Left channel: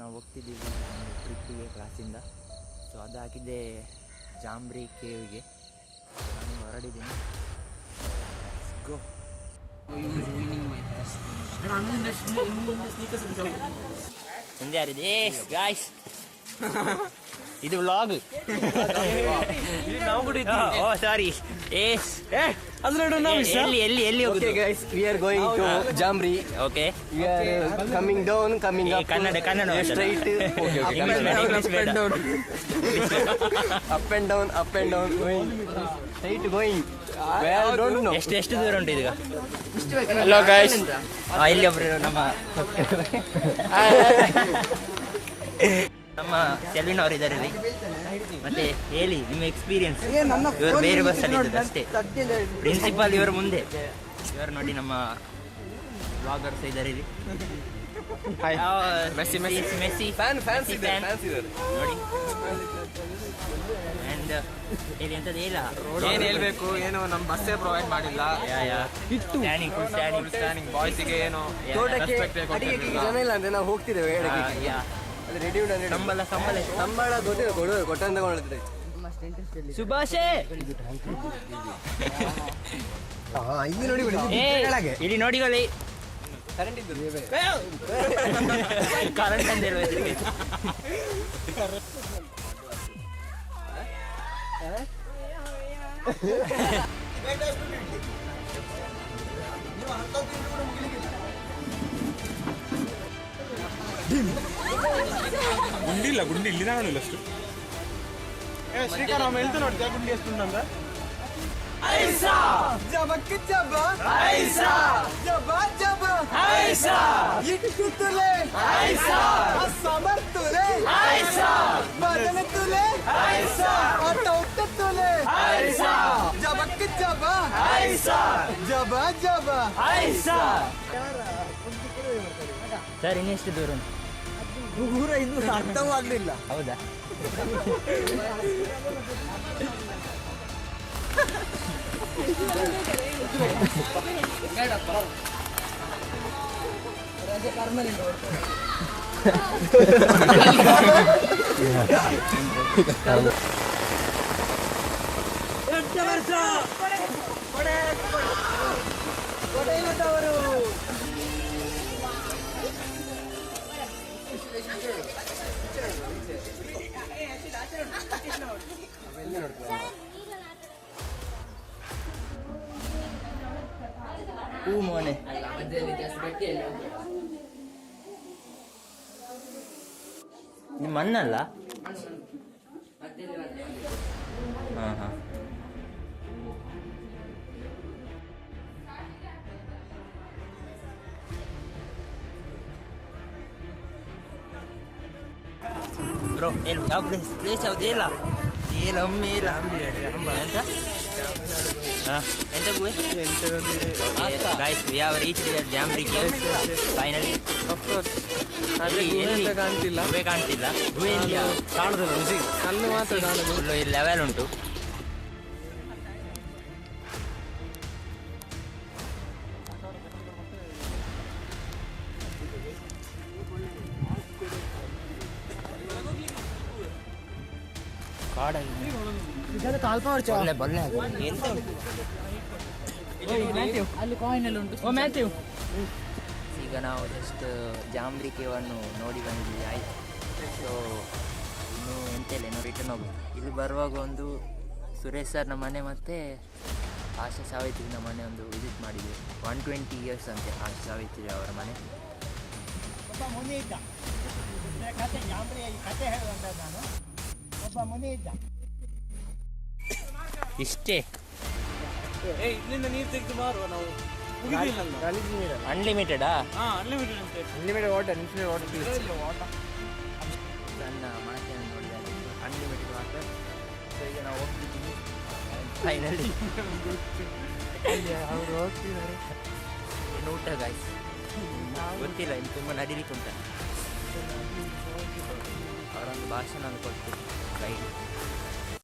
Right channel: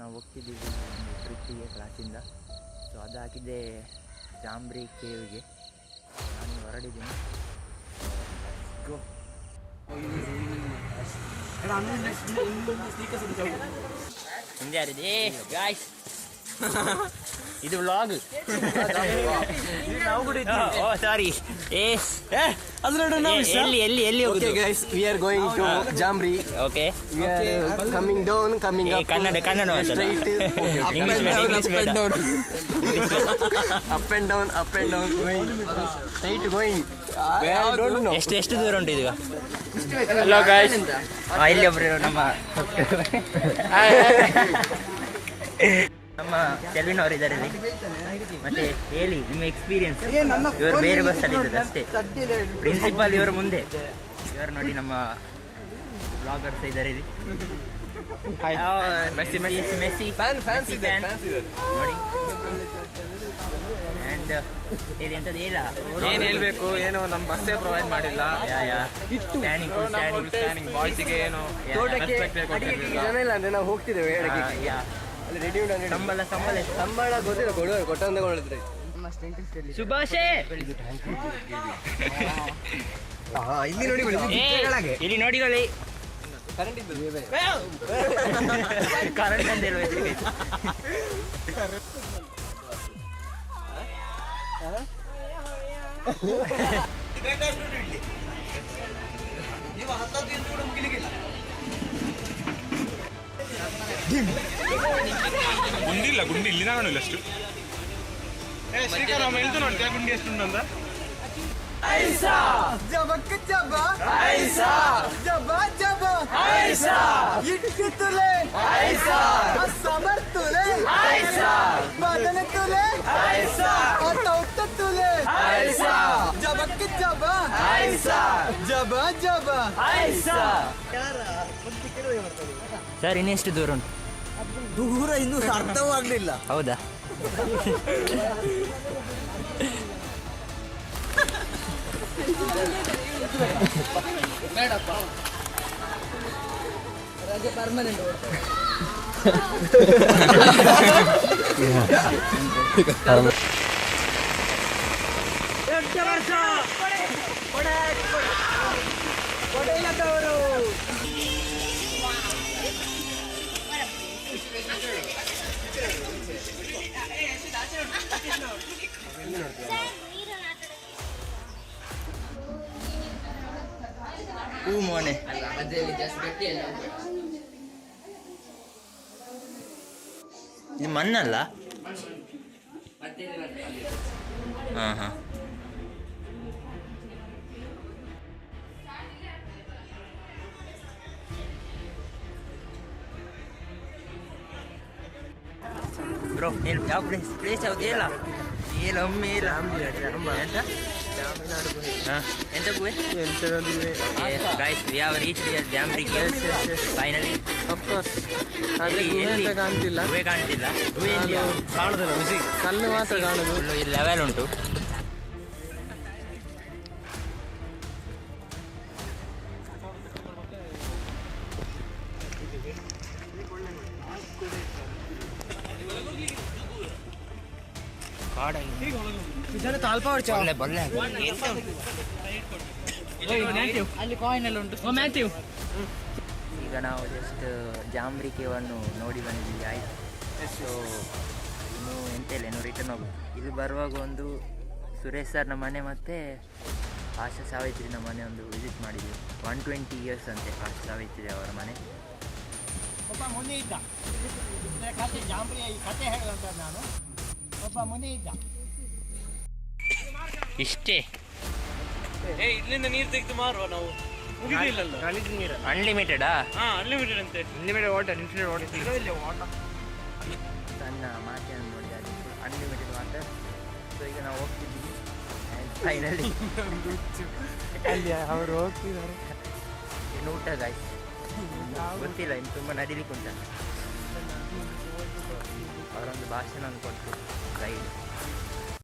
ನಾವು ಹೋಗ್ತಿದ್ದೀವಿ ಒಂದು ಟ್ರಿಪ್ಪಿಗೆ ಕ್ಲಾಸಿಂದ. ಸೊ ಅದು ಹಾಕಿದ್ದೆ ಜಾಂಬ್ರಿ ಕೇವ್ಗೆ. ಸೊ ನಾನು ಹೊರಡಿದ್ದೀನಿ. ಗೋ. ಮುಂದೆ ಯಾರಿದೆ ಗಾಯ್ಸ್? ಇದು ವ್ಲಾಗ್. ಸಾರಿ. ಎಲ್ಲಿ ಹೋಗುದು? guys, we are going to Jamri. Okay. We are coming down, coming up. Kannada Straight. Okay. Up and down, going. Straight going. Where I don't know. ಎಷ್ಟು ದೂರ ಉಂಟು ಈಗ? Hello guys. ಇಲ್ಲಿ ಒಬ್ರು ನಮ್ಮ ಸೆಲ್ವಿನವರು ಇದ್ದಾರೆ ಇಲ್ಲಿ. ಮತ್ತೆ ಹೇಳಿ ನಿಮ್ಮ ಎಕ್ಸ್ಪೀರಿಯನ್ಸ್. ಇವರು ಬೇರೆ ಬಸ್ಸಲ್ಲಿ ಇದ್ದದ್ದು ಅಷ್ಟೇ. ಪ್ರಿನ್ಸಿಪಾಲ್ ಇವರ ಮುಂದೆ. ಇವರು ನೋಡಿ ನಮ್ಮ ಬ್ಲಾಗರ್ಸ್ ಇದ್ದಾರೆ ಇಲ್ಲಿ. ಮೆಸ್ಸಿ ಫ್ಯಾನ್ ನೋಡಿ. ಅಂಡ್ ಇಲ್ಲಿ ಎಂತದ್ದು ಇಲ್ಲ, ಏನು ಹೇಳ್ಬೇಕು, ಏನು ನಮ್ಮ ಬಸ್ಸೇ ಪ್ರೊವೈಡ್ ಮಾಡಿಲ್ಲ. ಸ್ಟ್ಯಾಂಡಿಂಗ್ ಬಾಯ್ಸಿಗೆ ಏನು ಜನ ಇಲ್ಲ ಅಂದ್ರೆ ನಾವು ಹೋಗ್ತಿದ್ದೇವೆ. ಸಂಬಳ ಗೊತ್ತಿಲ್ಲ, ಕೊಟ್ಟಂತ ತಗೊಂಡಿದ್ರೆ ಸುಭಾಷೇ ಇಲ್ಲಿ ನೋಡಿಕೊಳ್ಳಿ. ಕರೆಂಟ್ ಅಂದಿರುವ ಗುಂಡಿ ಇಲ್ಲಿ ಕಾಣಿಲ್ಲ ಅಷ್ಟು. ಶ್ರೀಕಾಂತ್ ನಾವು ಹೇಳ್ತು ನೋಡಿ ಗುಂಡಿ ಎಷ್ಟು ಉಂಟಂತ. ಸರ್ ಇನ್ನೆಷ್ಟು ದೂರ ಉಂಟು? ದೂರ ಇನ್ನೂ ಅರ್ಥವಾಗ್ಲಿಲ್ಲ. ಹೌದಾ? ಬೇಡಪ್ಪ, ರಜೆ ಪರ್ಮನೆಂಟ್. ಹೂ ಮೋನೆ ಇದು ಮಣ್ಣಲ್ಲ? ಹಾಂ ಬ್ರೋ ಯಾವ ಪ್ಲೇಸ್ ಯಾವ್ದು ಇಲ್ಲ? ಎಂತ ಗುಹೆ? Guys we have reached the Jambri caves finally. Of course. ಆದ್ರೆ ಗುಹೆ ಅಂತ ಕಾಣ್ತಿಲ್ಲ. ಗುಹೆ ಕಾಣ್ತಿಲ್ಲ. ಕಲ್ಲು ಮಾತ್ರ ಕಾಣುದು. ಲೆವೆಲ್ ಉಂಟು. ಈಗ ನಾವು ಜಸ್ಟ್ ಜಾಂಬ್ರಿ ಕೇವನ್ನು ನೋಡಿ ಬಂದಿದ್ದೀವಿ. ಆಯ್ತು. ಸೊ ಇನ್ನು ಎಂತ ಇಲ್ಲ, ಇನ್ನು ರಿಟರ್ನ್ ಹೋಗೋದು. ಇಲ್ಲಿ ಬರುವಾಗ ಒಂದು ಸುರೇಶ್ ಸರ್ನ ಮನೆ ಮತ್ತು ಆಶಾ ಸಾವಿತ್ರಿನ ಮನೆ ಒಂದು ವಿಸಿಟ್ ಮಾಡಿದ್ವಿ. 120 years ಅಂತೆ ಆಶಾ ಸಾವಿತ್ರಿ ಅವರ ಮನೆ. ಒಬ್ಬ ಮುನಿ ಇದ್ದ, ಕತೆ ಜಾಂಬ್ರಿಯ ಈ ಕತೆ ಹೇಳುವಂತ ನಾನು. ಒಬ್ಬ ಮುನಿ ಇದ್ದ. ಇಷ್ಟೇ. ಇಲ್ಲಿಂದ ನೀರು ತೆಗೆದು ಮಾರುವ ನಾವು. ಅನ್ಲಿಮಿಟೆಡಾ? ಅನ್ಲಿಮಿಟೆಡ್ ಅಂತೆ. Unlimited water, infinite water. ನನ್ನ ಮಾತೆಯನ್ನು ನೋಡಿ ಅದು ಅನ್ಲಿಮಿಟೆಡ್ ವಾಟರ್. ಸೊ ಈಗ ನಾವು ಹೋಗ್ತಿದ್ದೀವಿ ಫೈನಲಿ. ಅವರು ಹೋಗ್ತಿದ್ದಾರೆ. ಇನ್ನು ಊಟ ಗಾಯ್ಸ್ ಗೊತ್ತಿಲ್ಲ, ಇನ್ನು ತುಂಬ ನಡಿಲಿಕ್ಕೆ ಉಂಟ. ಅವರೊಂದು ಭಾಷಣ ಕೊಡ್ತೀವಿ ಕೈಗೆ.